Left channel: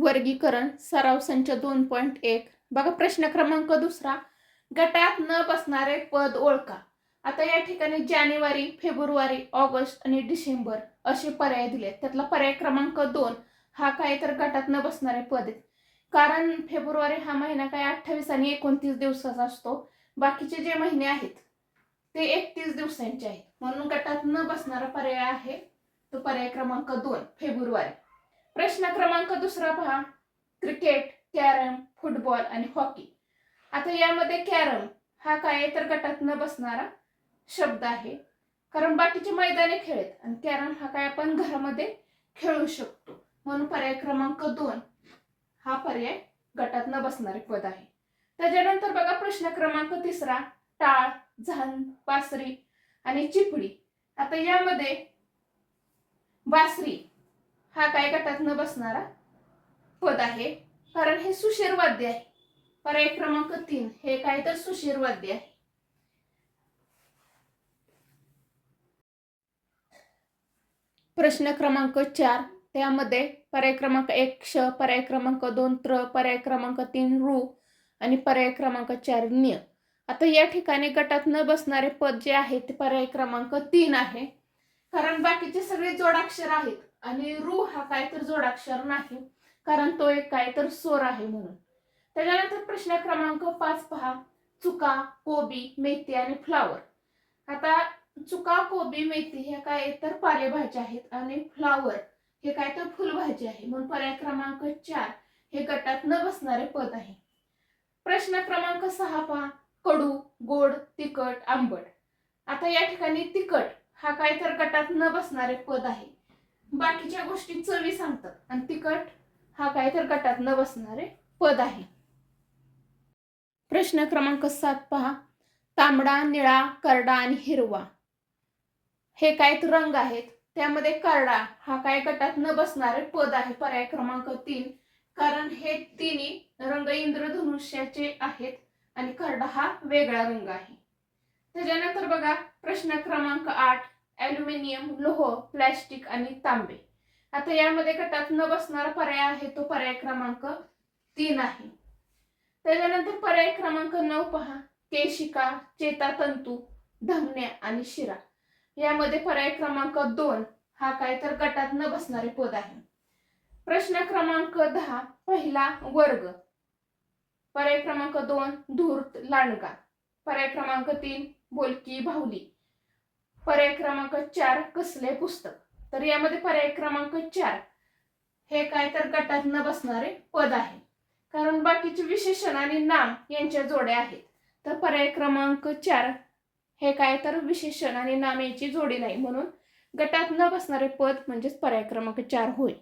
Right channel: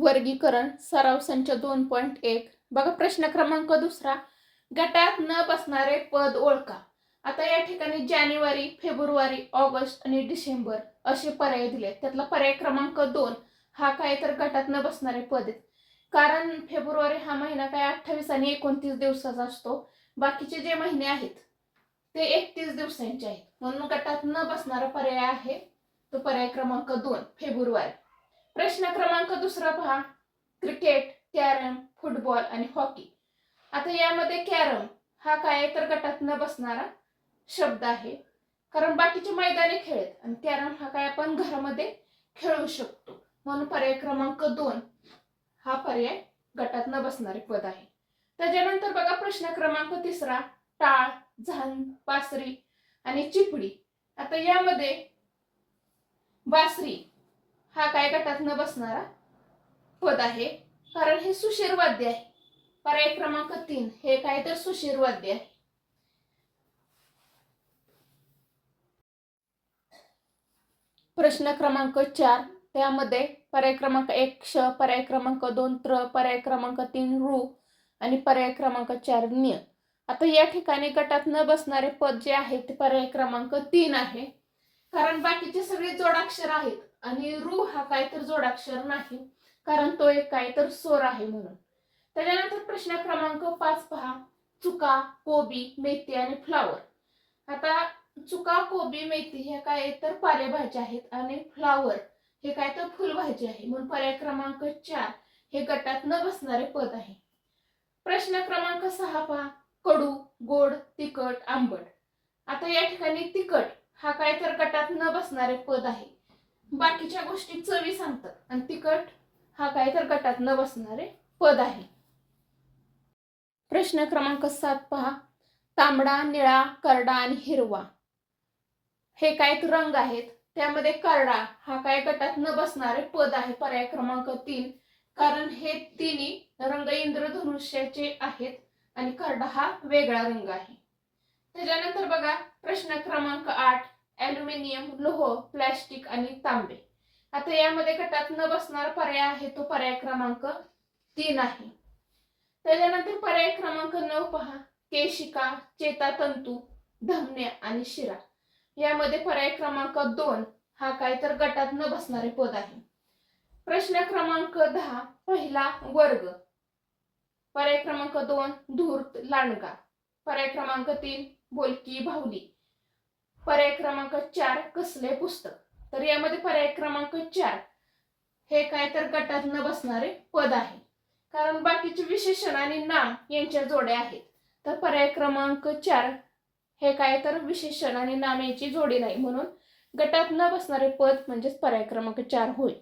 वर्गीकरण सराव संच दोन पॉईंट एक. बघा प्रश्न क्रमांक दुसरा. गटात न बसणारे पद ओळखा. आता या ठिकाणी जानेवारी फेब्रुवारी ऑगस्ट आणि डिसेंबर असे पर्याय दिले त्यातला पर्याय क्रमांक दोन. हा काय तर गटात न बसणारे पद आहेत. कारण फेब्रुवारी हा महिना काय अठ्ठावीस आणि एकोणतीस दिवसाचा असतो. बाकीचे जे महिने आहेत ते एकतीस दिवसांचे आहेत. म्हणून गटात न बसणारा पर्याय आहे तो पर्याय क्रमांक दोन फेब्रुवारी. प्रश्न क्रमांक दुसरा पहा. क्रिकेट कॅरम फुटबॉल आणि हॉकी. आता यामध्ये कॅरम हा काय तर गटात न बसणारा शब्द आहे. कारण बाकीचे मैदानी खेळ आहेत आणि कॅरम हा काय आपण घरामध्ये खेळू शकतो. म्हणून पर्याय क्रमांक दोन हा पर्याय गटात न बसणारे पद आहे. त्याच्यानंतर बघा प्रश्न क्रमांक तिसरा टाळ झान बासरी आणि चिपडी आता यामध्ये बासरी हा काय गटात न बसणारा पद आहे. कारण हे सुशीर वाद्य आहे. पर्याय क्रमांक तीन हे काय तर सुशीर वाद्य आहे. प्रश्न क्रमांक चार त्यामध्ये पर्याय क्रमांक एक क्ष पर्याय क्रमांक दोन त्र पर्याय क्रमांक तीन रु आणि पर्याय क्रमांक चार न्य आता या ठिकाणी गटात न बसणारे पद जे आहे ते पर्याय क्रमांक तीन आहे. कारण बाकीचे सगळे जोडाक्षर आहेत. आणि रू हा काय तर जोडाक्षर नाही कारण तो एक काय तर स्वर आहे म्हणून. त्याच्यानंतर प्रश्न क्रमांक पाच पहा. चुका कोबी मेथी आणि फ्लावर. आता चुका कोबी मेथी ह्या काय तर पालेभाज्या आहेत आणि फ्लावर हे काय तर फुलभाजी आहे. म्हणून पर्याय क्रमांक चार हे गटात न बसणारे पद आहे. प्रश्न क्रमांक सहा पहा. कडू गोड तिखट आंबट. आता या ठिकाणी तिखट हा काय तर गटात न बसणारे पद आहे. बाकीच्या गोष्टी चवी सांगतात. आणि तिखट हा काय तर गटात न बसणारे पद आहे. प्रश्न क्रमांक सात पहा. तांबडा निळा करडा आणि हिरवा. हे काय तर रंग आहेत. त्यामध्ये करडा हा काय गटात न बसणारे पद आहे. पर्याय क्रमांक तीन. कारण हे तिन्ही रंग इंद्रधनुष्याचे आहेत आणि करडा हा वेगळा रंग आहे. त्याच्यानंतर बघा प्रश्न क्रमांक आठ. ॲल्युमिनियम लोह प्लॅस्टिक आणि तांबे. आता यामध्ये गटात न बसणारा पर्याय आहे तो पर्याय क्रमांक तीन आहे. त्याच्यानंतर पर्याय क्रमांक नऊ पहा. केशिका चेतातंतू धमन्या आणि शिरा. यामध्ये पर्याय क्रमांक दोन हा काय तर गटात न बसणारे पद आहे. प्रश्न क्रमांक दहा पहिला वर्ग. पर्याय क्रमांक दोन धूर्त लांडगा. पर्याय क्रमांक तीन बोलकी भावली पर्याय क्रमांक चार कसले पुस्तक? तर यामध्ये पर्याय क्रमांक चार हे काय तर गटात न बसणारे पद आहे. कारण बाकीचे विशेषण आणि नाम यांच्या जोड्या आहेत. तर पर्याय क्रमांक चार हे काय तर विशेषण आणि नाम यांची जोडी नाही. म्हणून गटात न बसणारे पद म्हणजेच पर्याय क्रमांक चार होय.